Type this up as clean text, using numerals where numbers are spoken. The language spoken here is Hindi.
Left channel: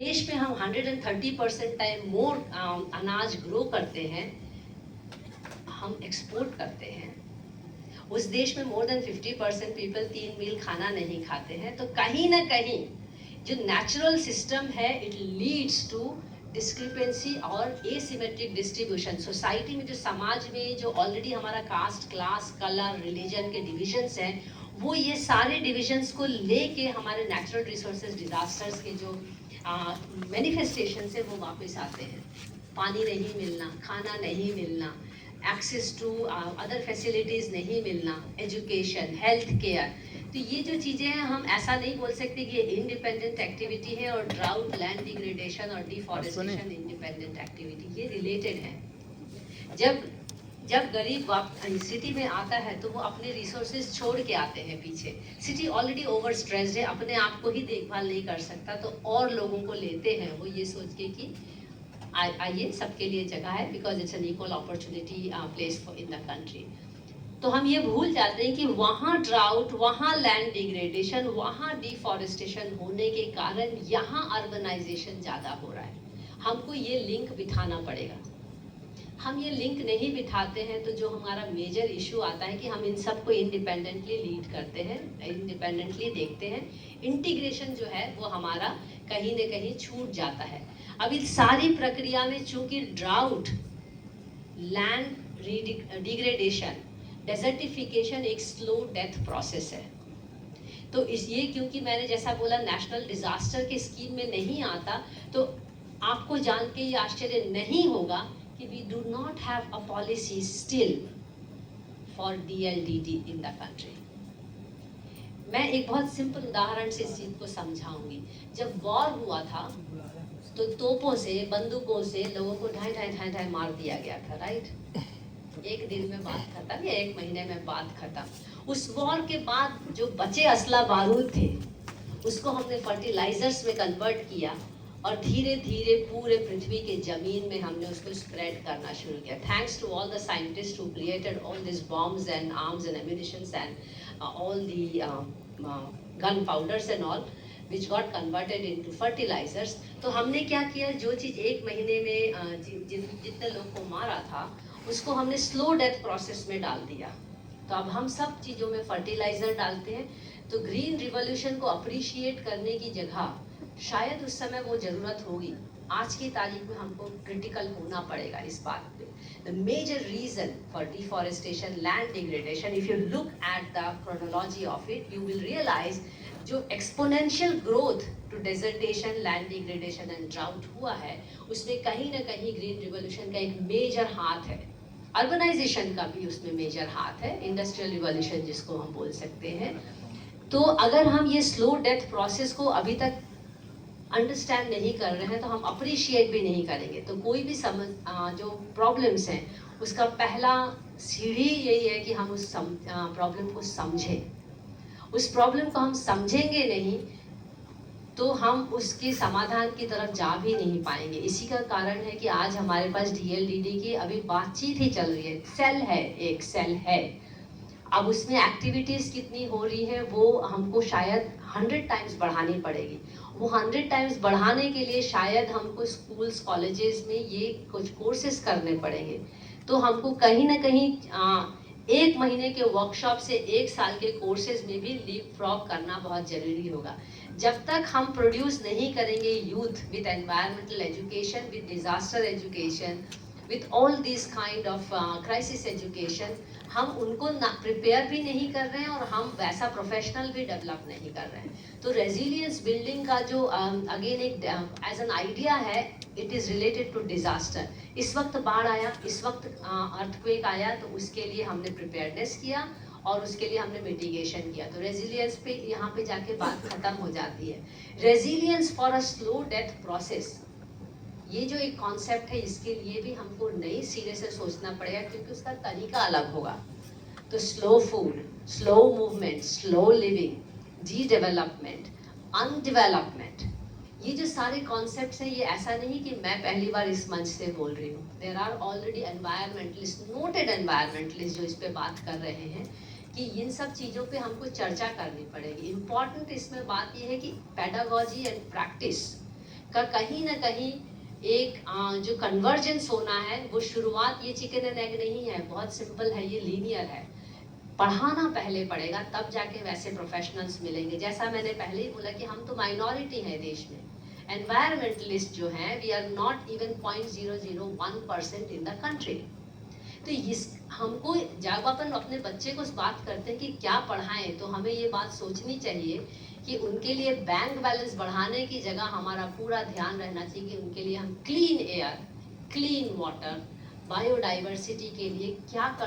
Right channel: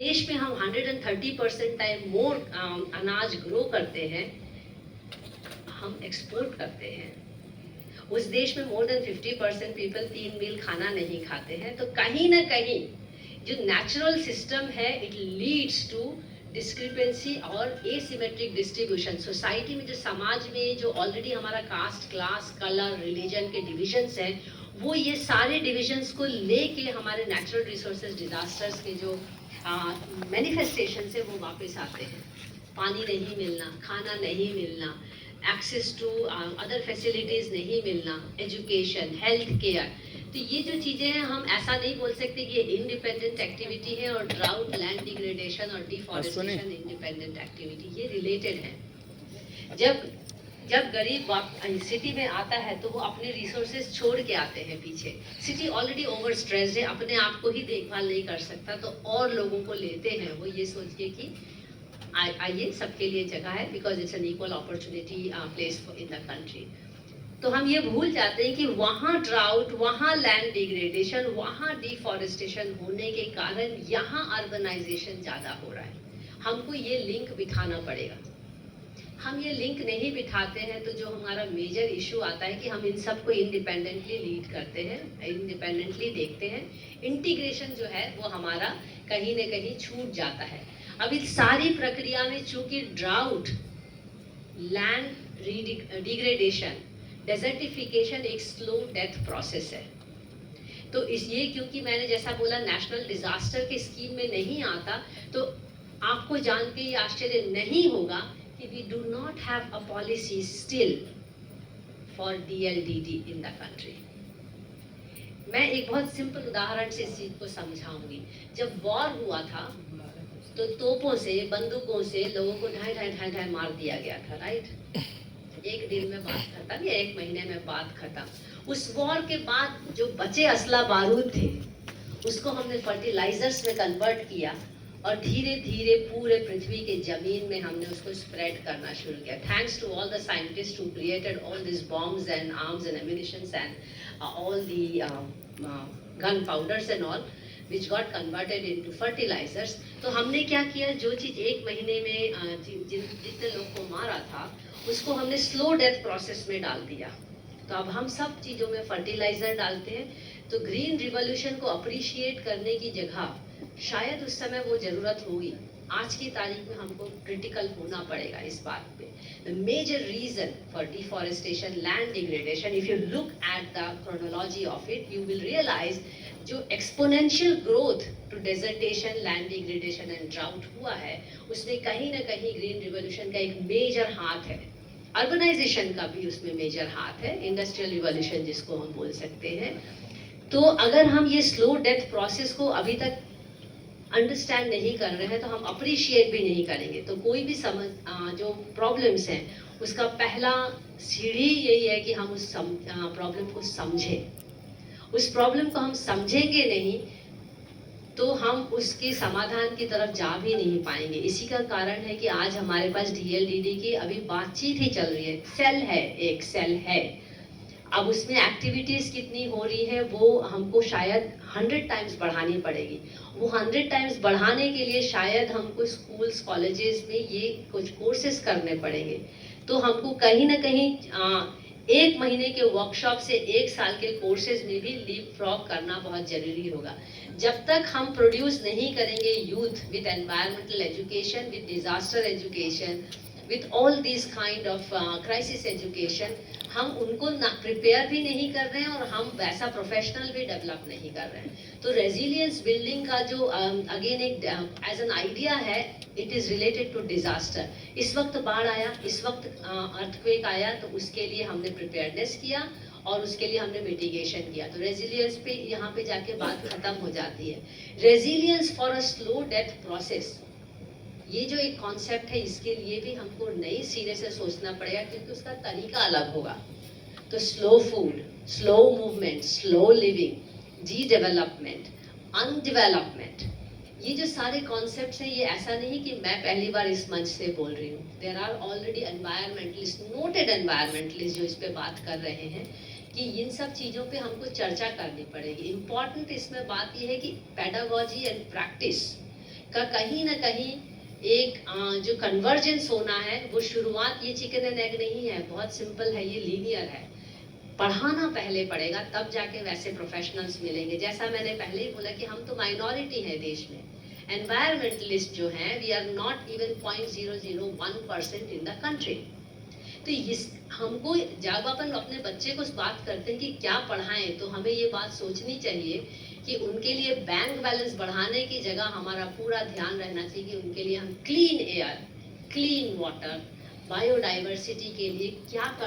देश में हम 130% टाइम मोर अनाज ग्रो करते हैं, हम एक्सपोर्ट करते हैं। उस देश में मोर देन 50% पीपल 3 मील खाना नहीं खाते हैं। तो कहीं ना कहीं जो नेचुरल सिस्टम है इट लीड्स टू डिस्क्रिपेंसी और एसिमेट्रिक डिस्ट्रीब्यूशन। सोसाइटी में जो समाज में जो ऑलरेडी हमारा कास्ट, क्लास, कलर, रिलीजन के डिविजन्स हैं, वो ये सारे डिविजन्स को लेके हमारे नेचुरल रिसोर्सेज डिजास्टर्स के जो मैनिफेस्टेशन है वो वापस आते हैं। पानी नहीं मिलना, खाना नहीं मिलना, एक्सेस टू अदर फैसिलिटीज़ नहीं मिलना, एजुकेशन, हेल्थ केयर। तो ये जो चीज़ें हैं, हम ऐसा नहीं बोल सकते कि ये इंडिपेंडेंट एक्टिविटी है और ड्राउट, लैंड डिग्रेडेशन और डिफॉरेस्टेशन इंडिपेंडेंट एक्टिविटी, ये रिलेटेड है। जब जब गरीब सिटी में आता है तो वो अपने रिसोर्सेज छोड़ के आते हैं पीछे। सिटी ऑलरेडी ओवर स्ट्रेस्ड है, अपने आप को ही देखभाल नहीं कर सकता, तो और लोगों को लेते हैं वो ये सोच के कि आइए सबके लिए जगह है, because it's an equal opportunity place in the country. तो हम ये भूल जाते हैं कि वहाँ ड्राउट, वहाँ लैंड डिग्रेडेशन, वहाँ डिफॉरेस्टेशन होने के कारण यहाँ अर्बनाइजेशन ज़्यादा हो रहा है। हमको ये लिंक बिठाना पड़ेगा। हम ये लिंक नहीं बिठाते हैं तो जो हमारा मेजर इशू आता है कि हम इन सबको इंडिपेंडेंटली लीड करते हैं, इंडिपेंडेंटली देखते हैं। इंटीग्रेशन जो है वो हमारा कहीं न कहीं छूट जाता है। अब इस सारी प्रक्रिया में चूंकि ड्राउट, लैंड डिग्रेडेशन, डेजर्टिफिकेशन एक स्लो डेथ प्रोसेस है। तो इस ये क्योंकि मैंने जैसा बोला नेशनल डिजास्टर के स्कीम में नहीं आता, तो आपको जान के ये आश्चर्य नहीं होगा कि we do not have a policy still for DLDD in the country. मैं एक बहुत सिंपल उदाहरण से इस चीज को समझाऊंगी। जब वॉर हुआ था तो तोपों से, बंदूकों से लोगों को ढाई ढाई ढाई ढाई मार दिया गया था, राइट। एक दिन में बात खत्म या एक महीने में बात खत्म। उस वॉर के बाद जो बचे असला बारूद थे उसको हमने फर्टिलाइजर्स में कन्वर्ट किया और धीरे धीरे पूरे पृथ्वी के जमीन में हमने उसको स्प्रेड करना शुरू किया। Thanks to all the scientist who created all this bombs and arms and ammunitions and all the gun powders and all which got converted into fertilizers। तो हमने क्या किया, जो चीज़ एक महीने में जितने लोग को मारा था उसको हमने स्लो डेथ प्रोसेस में डाल दिया। तो अब हम सब चीज़ों में फर्टिलाइजर डालते हैं। तो ग्रीन रिवॉल्यूशन को अप्रिशिएट करने की जगह शायद उस समय वो ज़रूरत होगी, आज की तारीख में हमको क्रिटिकल होना पड़ेगा इस बात पे। The major reason for deforestation, land degradation, if you look at the chronology of it, you will realize जो exponential growth to desertification, land degradation and drought हुआ है, उसमें कहीं ना कहीं ग्रीन रिवॉल्यूशन का एक मेजर हाथ है। अर्बनाइजेशन का भी उसमें मेजर हाथ है, इंडस्ट्रियल रिवॉल्यूशन जिसको हम बोल सकते हैं। तो अगर हम ये स्लो डेथ प्रोसेस को अभी तक अंडरस्टैंड नहीं कर रहे हैं तो हम अप्रिशिएट भी नहीं करेंगे। तो कोई भी जो प्रॉब्लम्स हैं उसका पहला सीढ़ी यही है कि हम उस प्रॉब्लम को समझें। उस प्रॉब्लम को हम समझेंगे नहीं तो हम उसके समाधान की तरफ जा भी नहीं पाएंगे। इसी का कारण है कि आज हमारे पास DLDD की अभी बातचीत ही चल रही है, सेल है, एक सेल है। अब उसमें एक्टिविटीज़ कितनी हो रही है वो हमको शायद 100 टाइम्स बढ़ानी पड़ेगी। वो 100 टाइम्स बढ़ाने के लिए शायद हमको स्कूल्स, कॉलेजेस में ये कुछ कोर्सेज करने पड़ेंगे। तो हमको कहीं ना कहीं एक महीने के वर्कशॉप से एक साल के कोर्सेज में भी लीप फ्रॉग करना बहुत जरूरी होगा। जब तक हम प्रोड्यूस नहीं करेंगे youth with environmental education, with disaster education, with all this kind of crisis education, हम उनको प्रिपेयर भी नहीं कर रहे हैं और हम वैसा प्रोफेशनल भी डेवलप नहीं कर रहे हैं। तो रेजिलियंस बिल्डिंग का जो अगेन एक एज एन आइडिया है, it is related to disaster. इस वक्त बाढ़ आया, इस वक्त अर्थक्वेक आया, तो उसके लिए हमने प्रिपेयरनेस किया और उसके लिए हमने मिटिगेशन किया। तो रेजिलियंस पे यहाँ पे जाके बात खत्म हो जाती है। Resilience for a slow death process, ये जो एक कॉन्सेप्ट है इसके लिए भी हमको नई सिरे से सोचना पड़ेगा, क्योंकि उसका तरीका अलग होगा। तो slow food, slow movement, slow living, D development, undevelopment, ये जो सारे कॉन्सेप्ट्स हैं, ये ऐसा नहीं कि मैं पहली बार इस मंच से बोल रही हूँ। There are already environmentalist, noted environmentalist जो इस पे बात कर रहे हैं कि इन सब चीज़ों पे हमको चर्चा करनी पड़ेगी। इम्पॉर्टेंट इसमें बात ये है कि पेडागॉजी एंड प्रैक्टिस, का कहीं ना कहीं एक जो कन्वर्जेंस होना है, वो शुरुआत ये चिकन एंड एग नहीं है, बहुत सिंपल है, ये लीनियर है। पढ़ाना पहले पड़ेगा, तब जाके वैसे प्रोफेशनल्स मिलेंगे। जैसा मैंने पहले ही बोला कि हम तो माइनॉरिटी है देश में। एनवायरमेंटलिस्ट जो हैं, we are not even 0.001% in the country. तो इस हमको जब अपन अपने बच्चे को बात करते हैं कि क्या पढ़ाएं, तो हमें ये बात सोचनी चाहिए कि उनके लिए बैंक बैलेंस बढ़ाने की जगह हमारा पूरा ध्यान रहना चाहिए कि उनके लिए हम clean air, clean water, biodiversity के लिए क्या कर